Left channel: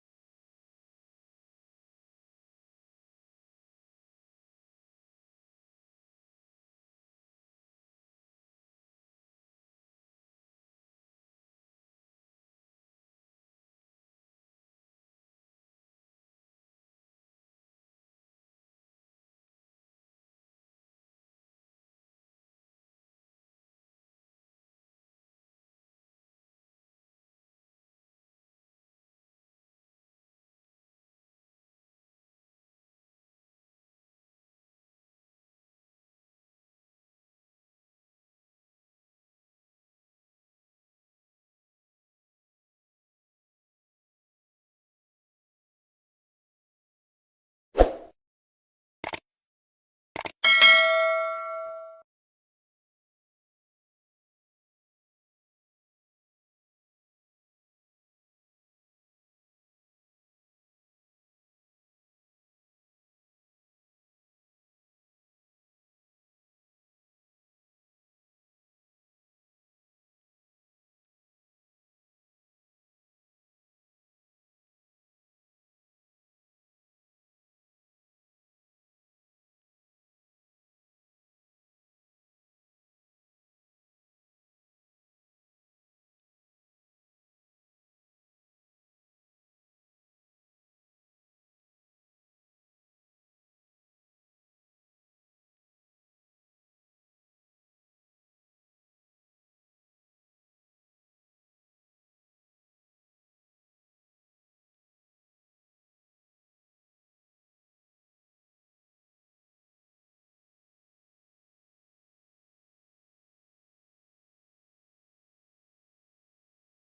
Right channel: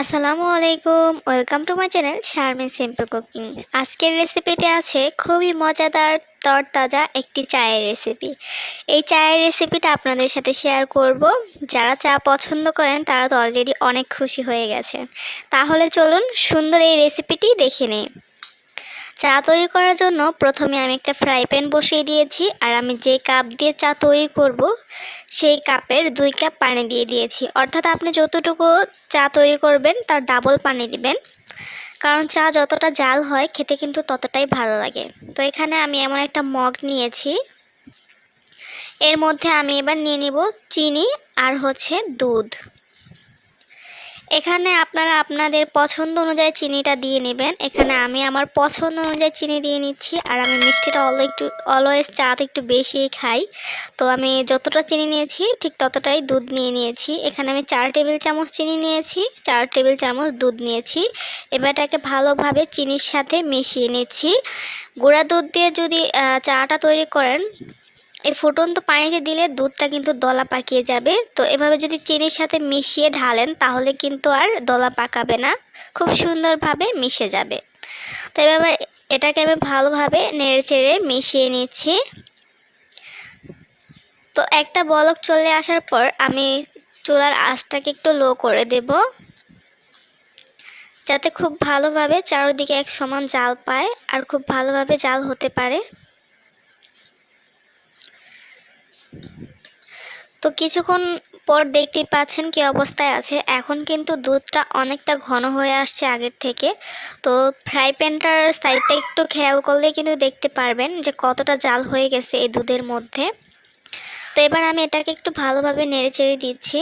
আসসালামু আলাইকুম, welcome to my channel Sharmin simple cooking. আজকের রেসিপিতে আছে খুবই মজাদার তরতাজা একটি চায়ের রেসিপি। এই চায়ের রেসিপিটা আপনাদের সাথে শেয়ার করব। যারা চা পছন্দ করেন তারা তো অলরেডি অনেক খুশি হয়ে গেছেন। তাহলে চলুন সুন্দর এই রেসিপিটি দেখে নিই। চা তৈরি করার জন্য প্রথমে আমি একটা ফ্রাই প্যান বসিয়ে দিয়েছি, আর আমি যে কাপ দিয়ে চা তৈরি করব সেই কাপের 2 কাপ পানি দিয়ে দিয়েছি। অর্থাৎ আপনি যতটুকু চা তৈরি করবেন তার ডাবল পানি দিবেন, কারণ চা যতটা জাল হয় খেতে কিন্তু ততটাই ভালো লাগে। তো এখানে আমি এমন একটা মগ নিয়েছি, এর মধ্যে আমি এবার নিয়ে নিব চিনি আর দুধ। এখানে আপনারা আপনাদের পছন্দ অনুযায়ী চিনিটা দিয়ে নেবেন। এখানে আমি আমার পছন্দ অনুযায়ী চিনি দিয়ে নিচ্ছি, আর আমি মিষ্টিটা অলওয়েজ চাতে একটু বেশিই খাই। তো আমি যতটা চিনি নিয়েছি ঠিক ততটাই দুধ নিয়ে নিয়েছি। এখানে আমি 4 টেবিল চামচ চিনি নিয়েছি, 4 টেবিল চামচ দুধ নিয়েছি। এবার এটাকে ভালোভাবে চিনির সাথে মিশিয়ে নিচ্ছি। গুঁড়া দুধ দিয়ে যদি চাটা তৈরি করেন, এই ফুটন্ত পানিতে দিলে দুধটা কিন্তু দলা পাকিয়ে যাবে। তো এভাবে যদি চিনির সাথে মিশিয়ে ঢালেন তাহলে কিন্তু আর দলা পাকাবে না, খুব সুন্দরভাবে মিশে যাবে। তো এবার এটাকে আমি ভালোভাবে নেড়েচেড়ে মিশিয়ে নিচ্ছি। তো একটা বলক চলে আসার পর আমি চুলার আঁচটাকে একটু লো করে দেব, যাতে খুব ভালোভাবে চারদিকে এক সমান জাল পায় আর খুব ভালোভাবে জাল হতে পারে। তো কিছুক্ষণ পর দেখতেই পাচ্ছেন কি অবস্থায় আছে। এখন কিন্তু দুধটা অনেকটা ঘন হয়ে আসছে আগের থেকে। তো ফ্রাই প্যানটার সাইডটা একটু খেয়াল করলে কিন্তু দেখতে পারবেন যে কতটা জাল হয়ে গেছে এই দুধের মধ্যে। তো এবার আমি এটাকে একটু ভালোভাবে নেড়েচেড়ে দিচ্ছি।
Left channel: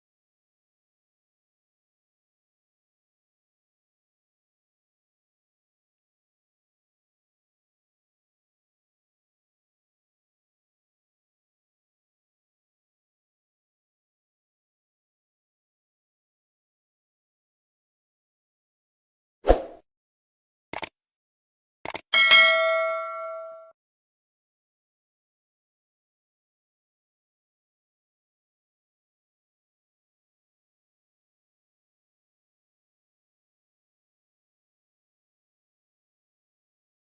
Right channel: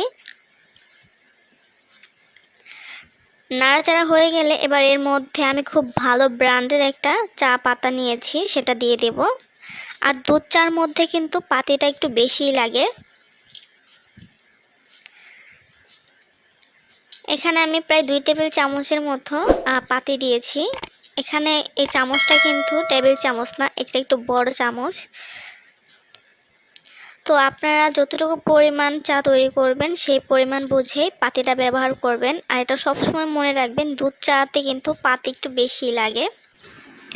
নাড়াচাড়া হয়ে গেলে এবার এর মধ্যে আমি খুব ভালো ব্র্যান্ডের একটা চা পাতা নিয়েছি, সেটা দিয়ে দেব। আর দুধ চার মধ্যে কিন্তু পাতিটা একটু বেশিই লাগে। এখানে আমি প্রায় 2 টেবিল চামচের মতো পাতি দিয়েছি। এখানে এই চামচটা কিন্তু টেবিল চামচ না, এটা একটু বড় চামচ। তো আপনারা যতটুকু পরিমাণ চা তৈরি করবেন সেই পরিমাণ বুঝেই পাতিটা ব্যবহার করবেন। আর এটা সবসময় মনে রাখবেন, দুধ চাতে কিন্তু পাতি একটু বেশি লাগে।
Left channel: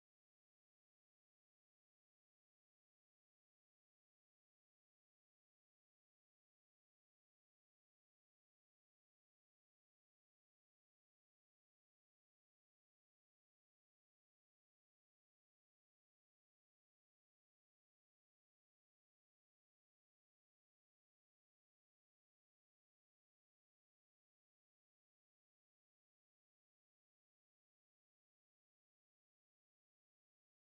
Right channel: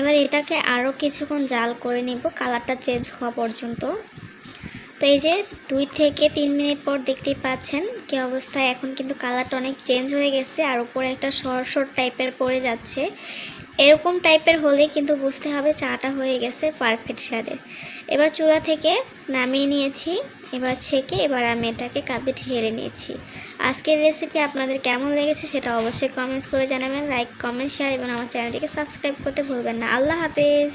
এবার এটাকে আরও কিছুক্ষণ জাল করে নিব, কালারটা চেঞ্জ হওয়া পর্যন্ত। তো এই যে 2 থেকে 3 মিনিট পর দেখতেই পাচ্ছেন কি অবস্থায়। এখন কিন্তু কালারটা অনেক চেঞ্জ হয়ে গেছে, আর উপরে একটা সর টাইপের পড়ে যাচ্ছে। এরকম টাইপের হলে কিন্তু বুঝতে হবে চাটা হয়ে গেছে পারফেক্ট স্বাদের। এবার চুলা থেকে নামিয়ে নিয়েছি, এবার ছেঁকে এবার আমি এটাকে কাপে ঢেলে নিয়েছি। আজকের রেসিপি আপনাদের কেমন লেগেছে সেটা অবশ্যই কমেন্টস করে জানাবেন। লাইক, কমেন্ট, শেয়ার এবং আমার চ্যানেলটিকে সাবস্ক্রাইব করতে ভুলবেন না। আল্লাহ হাফেজ।